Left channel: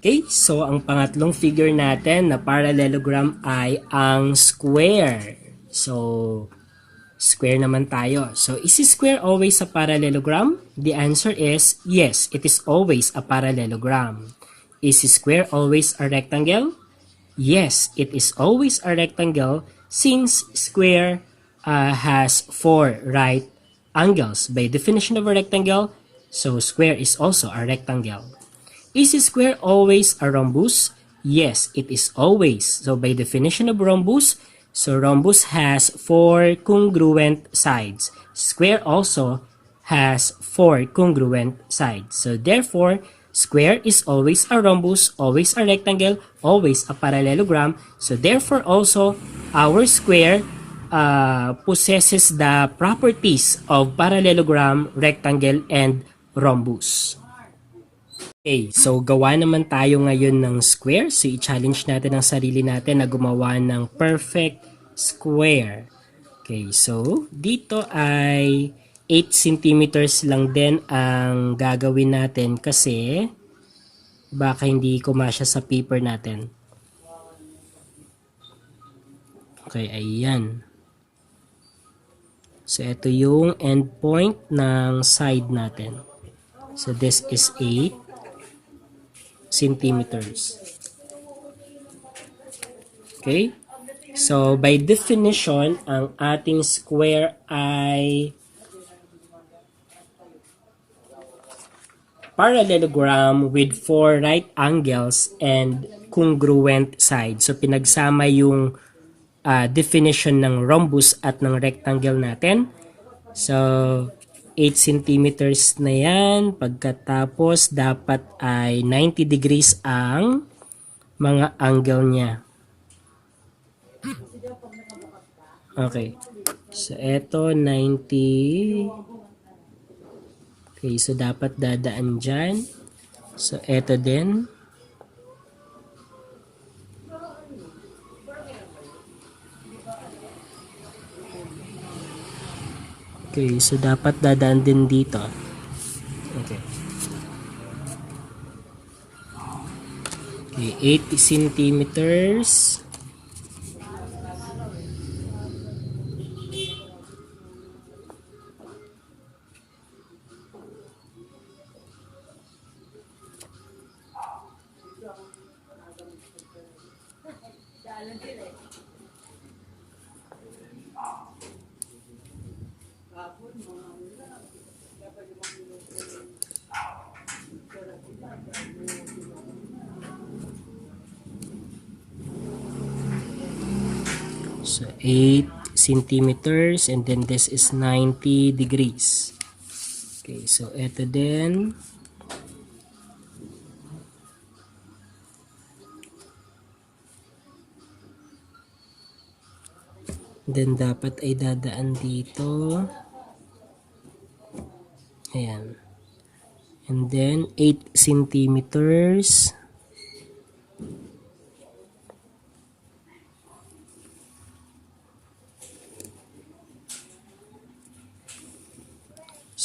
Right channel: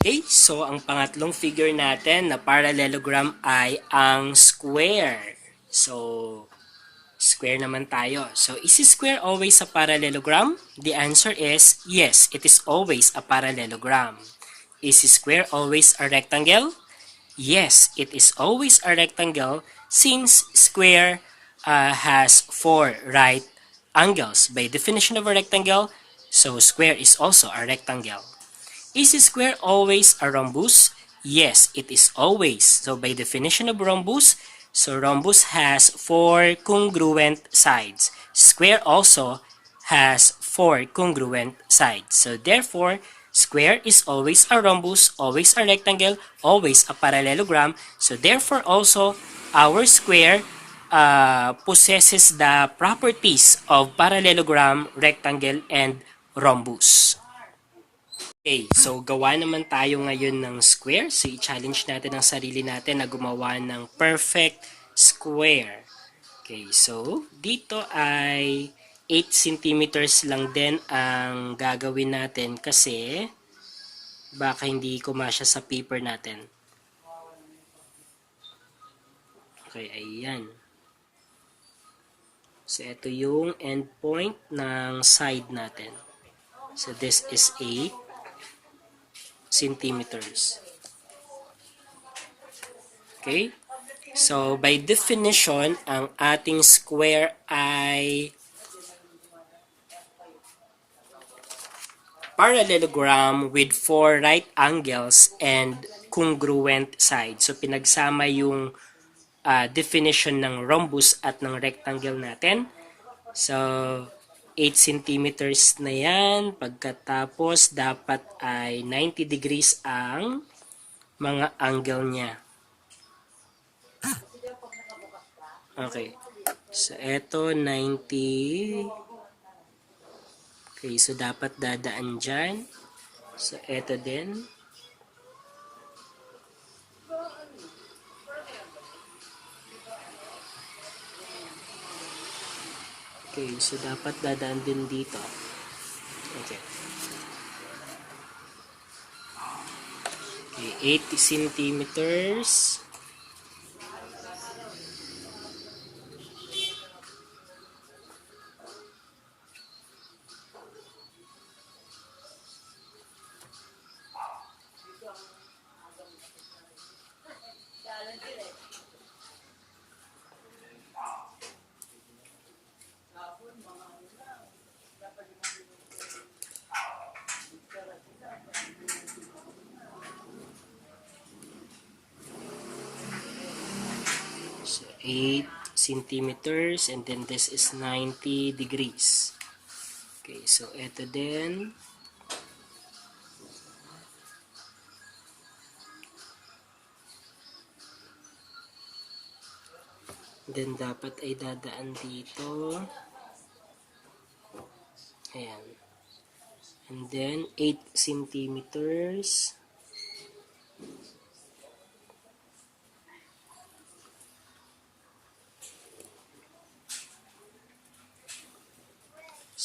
Okay, so ang pangatlong figure natin na parallelogram ay ang square. So, square naman tayo. So, is square always a parallelogram? The answer is yes, it is always a parallelogram. Is square always a rectangle? Yes, it is always a rectangle since square has four right angles. By definition of a rectangle, so square is also a rectangle. Is square always a rhombus? Yes, it is always. So by definition of rhombus, so rhombus has four congruent sides. Square also has four congruent sides. So therefore, square is always a rhombus, always a rectangle, always a parallelogram. So therefore also, our square possesses the properties of parallelogram, rectangle, and rhombus. Okay, so gawa naman tayo ngayon ng square. So i-challenge natin ang sarili natin na gumawa ng perfect square. Okay, so dito ay 8 centimeters lang din ang gagawin natin kasi baka hindi kumasya sa paper natin. Okay, ayan. So ito yung end point ng side natin. So this is 8 centimeters. Okay? So, by definition, ang ating square ay parallelogram with four right angles and congruent sides. So, pinagsama yung definition ng rhombus at ng rectangle natin. So, 8 centimeters na yan. Pagkatapos, dapat ay 90 degrees ang mga angle niya. Okay. So, eto 90. Okay, so dapat dadaan dyan. So, eto din. Okay, so dapat dadaan din dito. Okay. Okay, 80 centimeters. So 8 centimeters and then this is 90 degrees. Okay, so ito din. Then dapat ay dadaan dito. Ayan. And then 8 centimeters.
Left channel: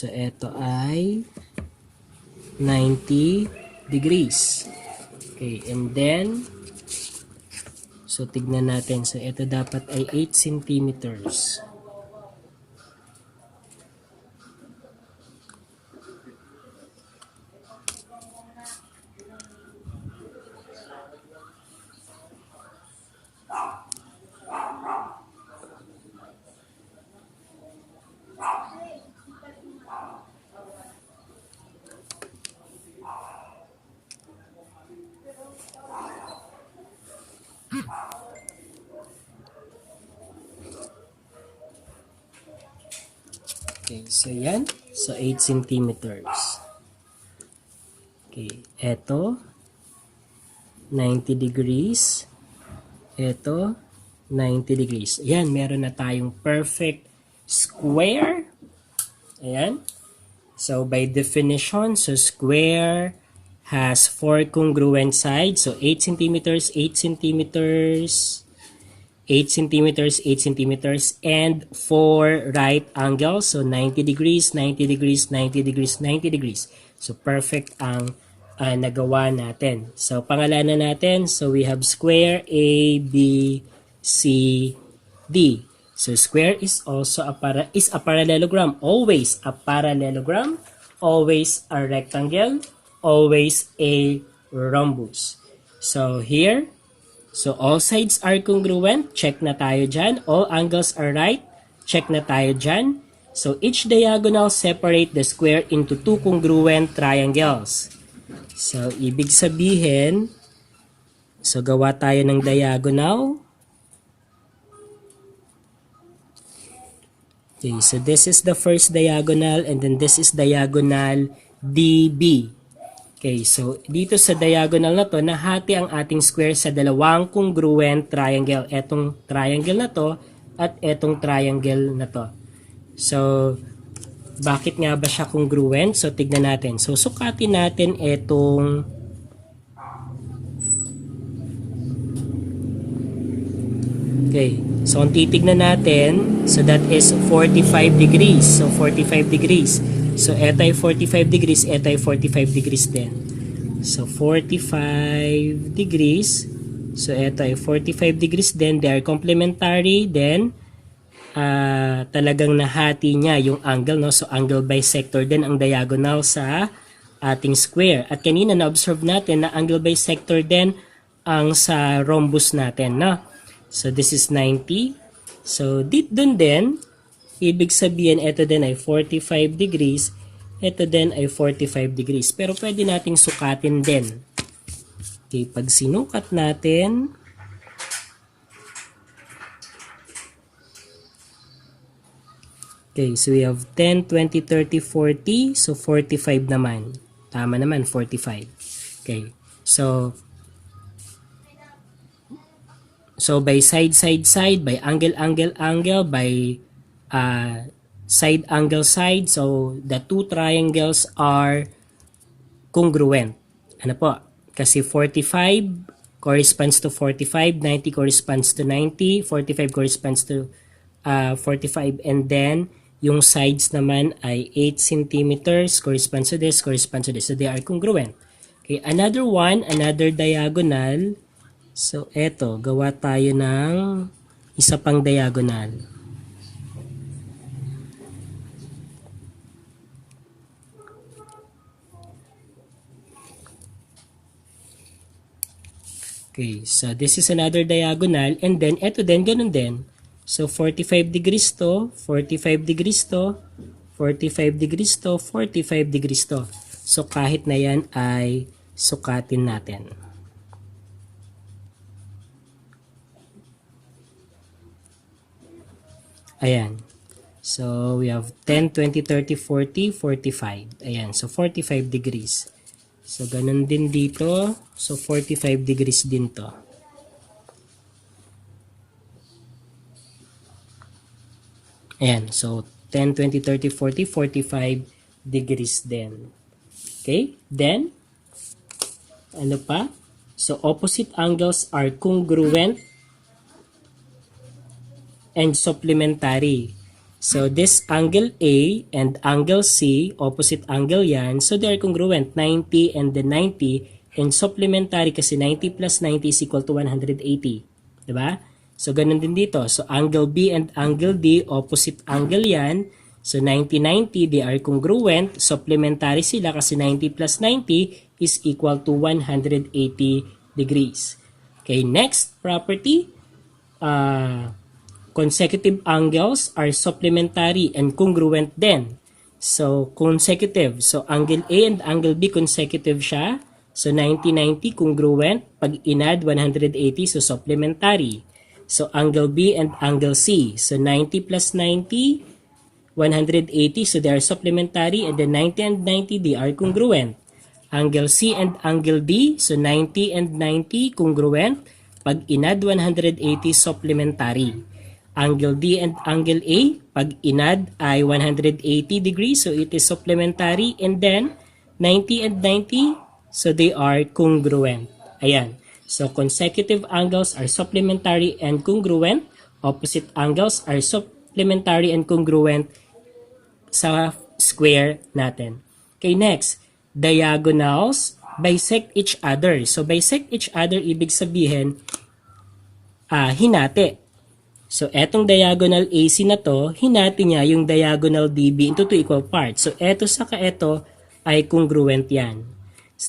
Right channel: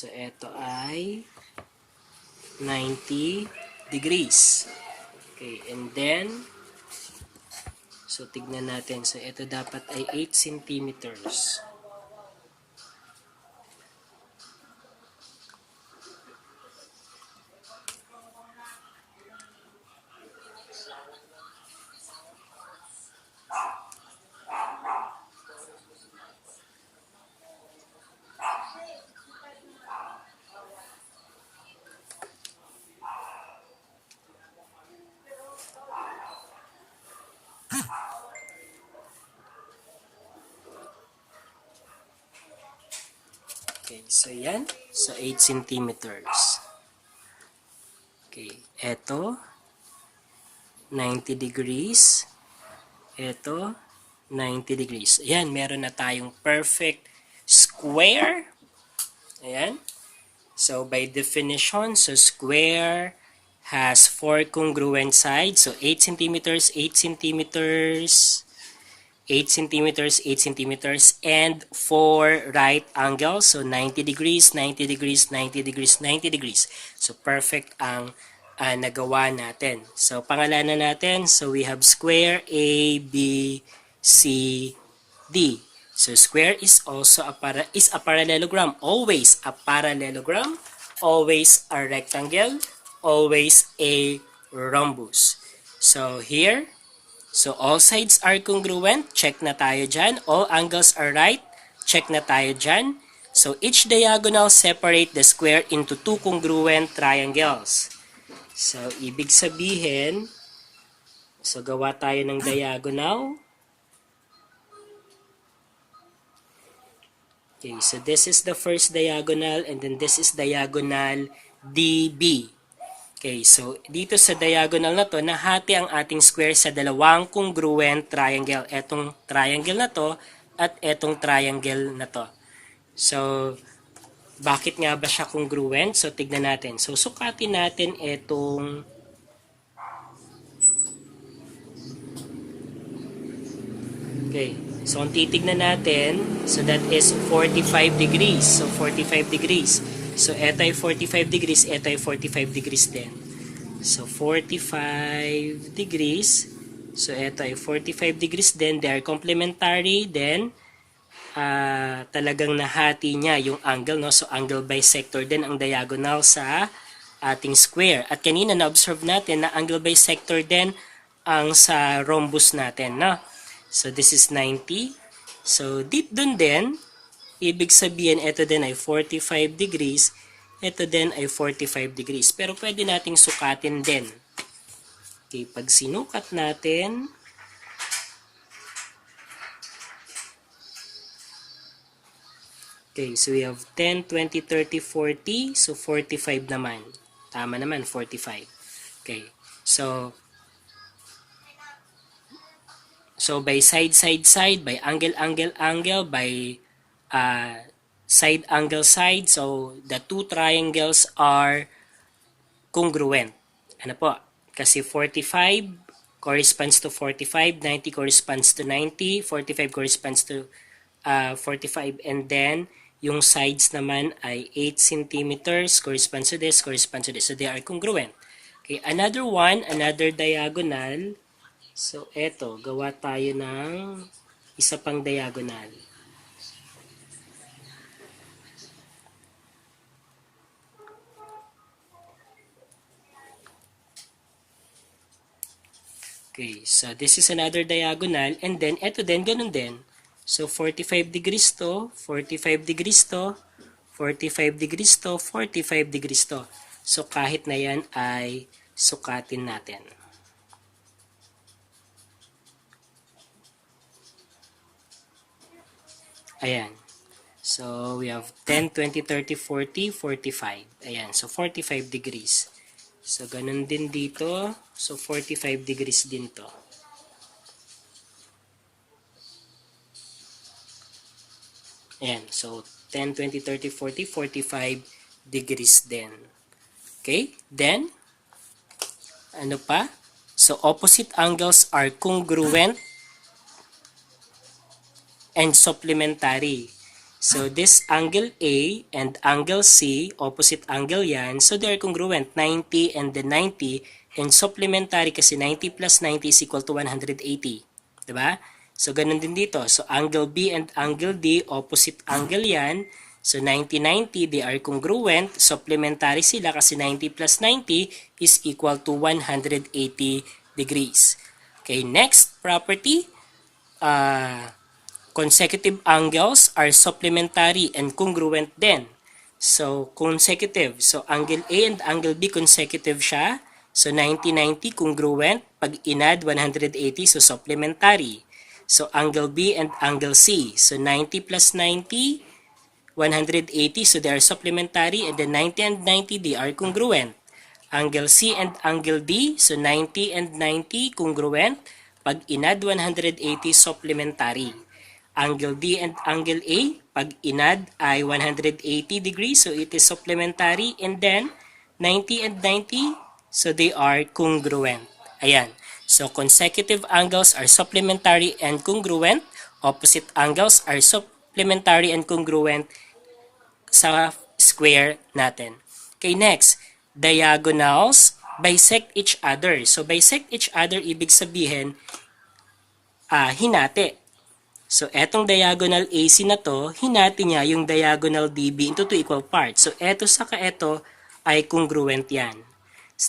So, ito ay 90 degrees. Okay, and then, so tignan natin. So, ito dapat ay 8 centimeters. Okay, so yan. So, 8 centimeters. Okay, eto 90 degrees. Eto 90 degrees. Ayan, meron na tayong perfect square. Ayan. So, by definition, so square has four congruent sides. So, 8 centimeters, 8 centimeters, 8 centimeters, 8 centimeters, and 4 right angles. So, 90 degrees, 90 degrees, 90 degrees, 90 degrees. So, perfect ang nagawa natin. So, pangalanan natin. So, we have square A, B, C, D. So, square is also a parallelogram. Always a parallelogram. Always a rectangle. Always a rhombus. So, here, so all sides are congruent. Check na tayo dyan. All angles are right. Check na tayo dyan. So, each diagonal separate the square into two congruent triangles. So, ibig sabihin, so gawa tayo ng diagonal. Okay, so this is the first diagonal and then this is diagonal DB. Okay, so dito sa diagonal na to, nahati ang ating square sa dalawang congruent triangle. Etong triangle na to at etong triangle na to. So, bakit nga ba siya congruent? So, tignan natin. So, sukatin natin etong okay. So, kung titignan natin, so that is 45 degrees. So, 45 degrees. So, eto ay 45 degrees, eto ay 45 degrees din. So, 45 degrees. So, eto ay 45 degrees din. They are complementary. Then, talagang nahati niya yung angle, no? So angle bisector din ang diagonal sa ating square. At kanina na-observe natin na angle bisector din ang sa rhombus natin, no? So this is 90. So deep dun din, ibig sabihin ito din ay 45 degrees, ito din ay 45 degrees. Pero pwede nating sukatin din. Okay, pag sinukat natin, okay, so we have 10, 20, 30, 40. So, 45 naman. Tama naman, 45. Okay. So by side, side, side, by angle, angle, angle, by side, angle, side. So, the two triangles are congruent. Ano po? Kasi 45 corresponds to 45, 90 corresponds to 90, 45 corresponds to 45, and then yung sides naman ay 8 centimeters, corresponds to this, corresponds to this. So, they are congruent. Okay, another one, another diagonal. So, eto, gawa tayo ng isa pang diagonal. Okay, so this is another diagonal, and then eto din, ganun din. So, 45 degrees to, 45 degrees to, 45 degrees to, 45 degrees to. So, kahit na yan ay sukatin natin. Ayan. So, we have 10, 20, 30, 40, 45. Ayan. So, 45 degrees. So, ganun din dito. So, 45 degrees din to. Ayan, so 10, 20, 30, 40, 45 degrees din. Okay, then, ano pa? So, opposite angles are congruent and supplementary. So, this angle A and angle C, opposite angle yan, so they are congruent, 90 and then 90, and supplementary kasi 90 plus 90 is equal to 180. Diba? So, ganun din dito. So, angle B and angle D, opposite angle yan. So, 90, 90, they are congruent. Supplementary sila kasi 90 plus 90 is equal to 180 degrees. Okay, next property. Consecutive angles are supplementary and congruent din. So, consecutive. So, angle A and angle B consecutive siya. So, 90, 90 congruent. Pag inad, 180, so supplementary. So, angle B and angle C. So, 90 plus 90, 180. So, they are supplementary. And then 90 and 90, they are congruent. Angle C and angle D. So, 90 and 90, congruent. Pag inad, 180, supplementary. Angle D and angle A, pag inad ay 180 degrees. So, it is supplementary. And then, 90 and 90, so they are congruent. Ayan. So, consecutive angles are supplementary and congruent. Opposite angles are supplementary and congruent sa square natin. Okay, next. Diagonals bisect each other. So, bisect each other, ibig sabihin, hinati. So, etong diagonal AC na to, hinati niya yung diagonal DB into two equal parts. So, eto saka eto ay congruent yan.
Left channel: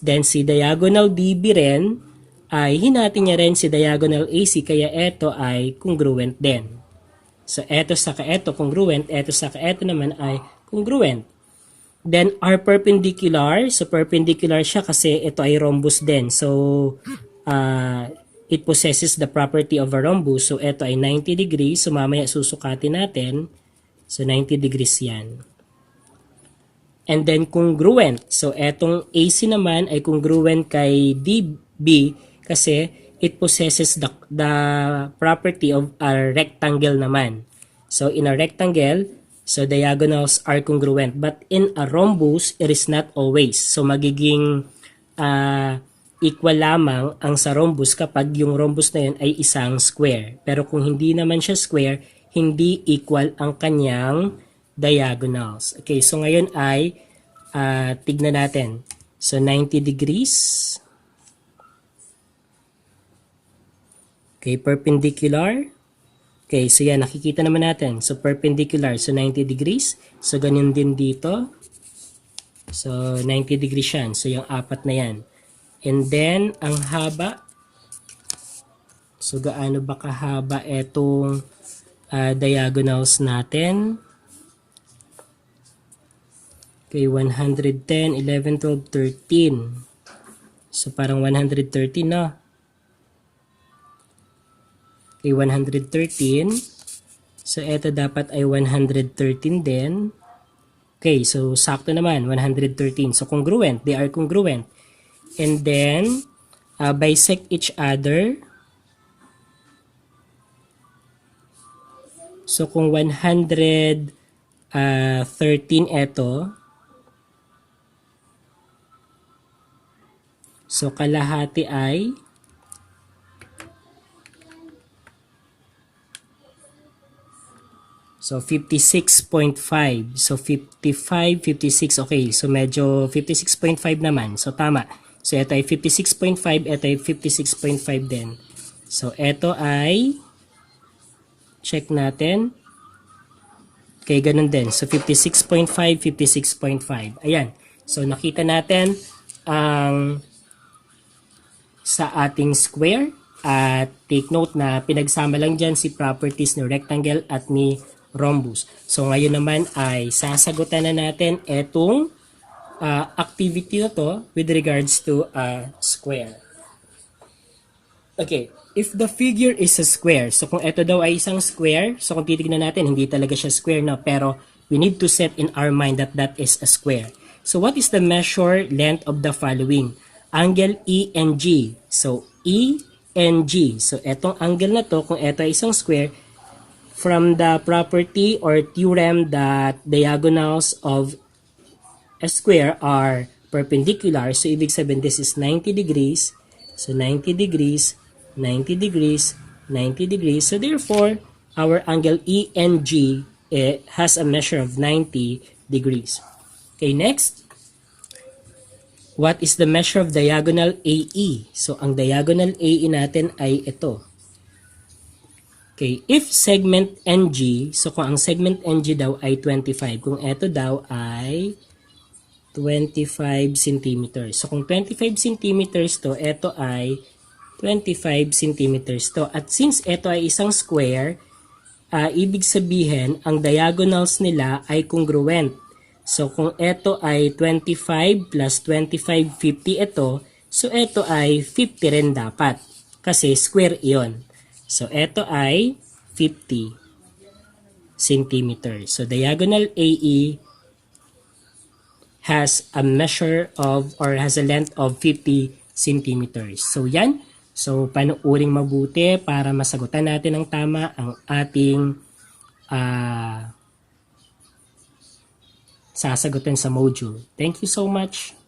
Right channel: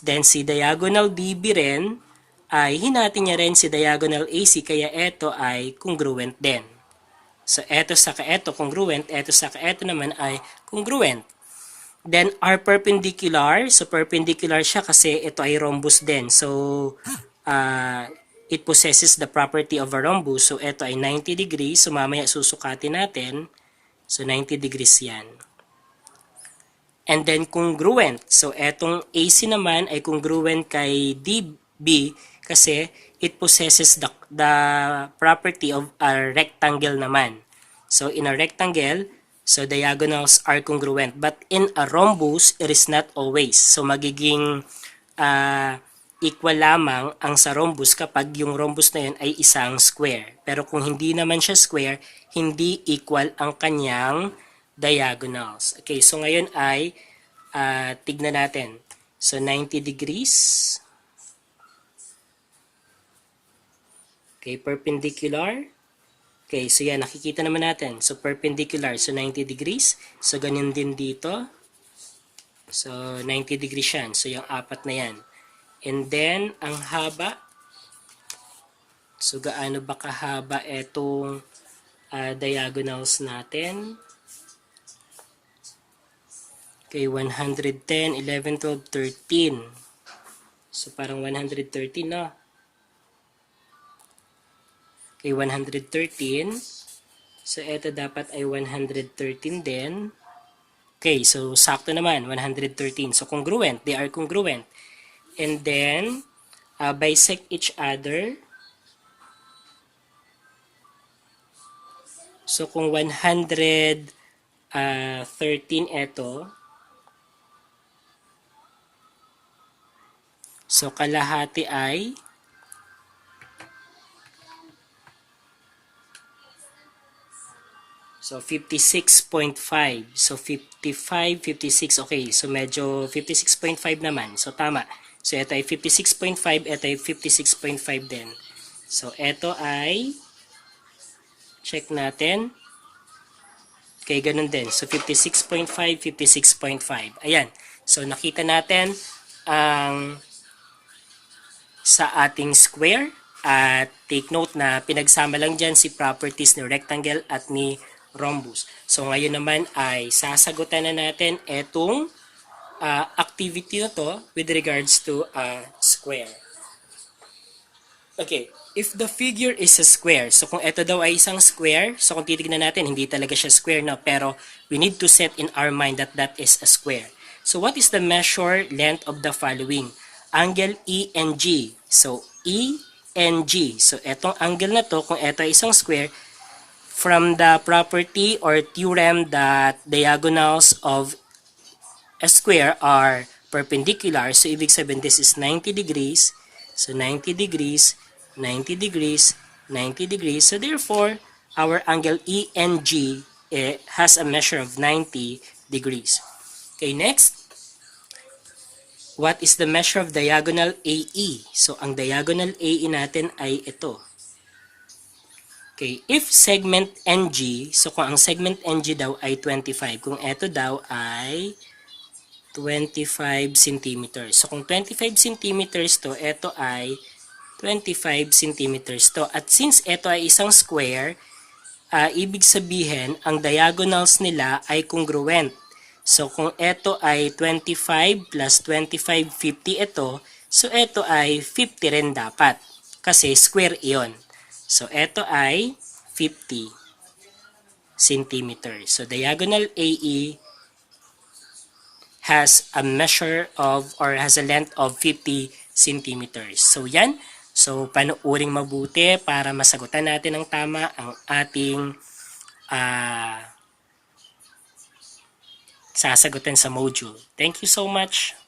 Then, si diagonal DB rin, ay hinati niya rin si diagonal AC, kaya eto ay congruent din. So, eto saka eto congruent, eto saka eto naman ay congruent. Then, are perpendicular. So, perpendicular siya kasi ito ay rhombus din. So, it possesses the property of a rhombus. So, ito ay 90 degrees. So, mamaya susukatin natin. So, 90 degrees yan. And then, congruent. So, etong AC naman ay congruent kay DB kasi it possesses the property of a rectangle naman. So, in a rectangle, so diagonals are congruent. But in a rhombus, it is not always. So, magiging equal lamang ang sa rhombus kapag yung rhombus na yun ay isang square. Pero kung hindi naman siya square, hindi equal ang kanyang diagonals. Okay, so ngayon ay tignan natin. So, 90 degrees. Okay, perpendicular. Okay, so yan, nakikita naman natin. So, perpendicular. So, 90 degrees. So, ganun din dito. So, 90 degrees yan. So, yung apat na yan. And then, ang haba. So, gaano ba kahaba itong diagonals natin? Okay, 110, 11, 12, 13. So, parang 113, no? Okay, 113. So, ito dapat ay 113 din. Okay, so sakto naman, 113. So, congruent. They are congruent. And then, bisect each other. So, kung 113 ito, so kalahati ay so 56.5. So 55, 56. Okay, so medyo 56.5 naman. So tama. So ito ay 56.5, ito ay 56.5 din. So ito ay check natin. Okay, ganun din. So 56.5, 56.5. Ayan. So nakita natin ang sa ating square at take note na pinagsama lang dyan si properties ni rectangle at ni rhombus. So ngayon naman ay sasagutan na natin etong activity to with regards to a square. Okay, if the figure is a square, so kung ito daw ay isang square, so kung titignan natin, hindi talaga siya square na, pero we need to set in our mind that that is a square. So what is the measure length of the following? Angle E and G. So E and G. So etong angle na to, kung ito ay isang square, from the property or theorem that diagonals of a square are perpendicular, so ibig sabihin this is 90 degrees, so 90 degrees, 90 degrees, 90 degrees, so therefore our angle E and G has a measure of 90 degrees. Okay, next, what is the measure of diagonal AE? So ang diagonal AE natin ay ito. Okay, if segment NG, so kung ang segment NG daw ay 25, kung ito daw ay 25 centimeters. So kung 25 centimeters to, ito ay 25 centimeters to. At since ito ay isang square, ibig sabihin, ang diagonals nila ay congruent. So kung ito ay 25 plus 25, 50 ito, so ito ay 50 rin dapat. Kasi square iyon. So, ito ay 50 centimeters. So, diagonal AE has a measure of or has a length of 50 centimeters. So, yan. So, panuuring mabuti para masagutan natin ng tama ang ating sasagutin sa module. Thank you so much.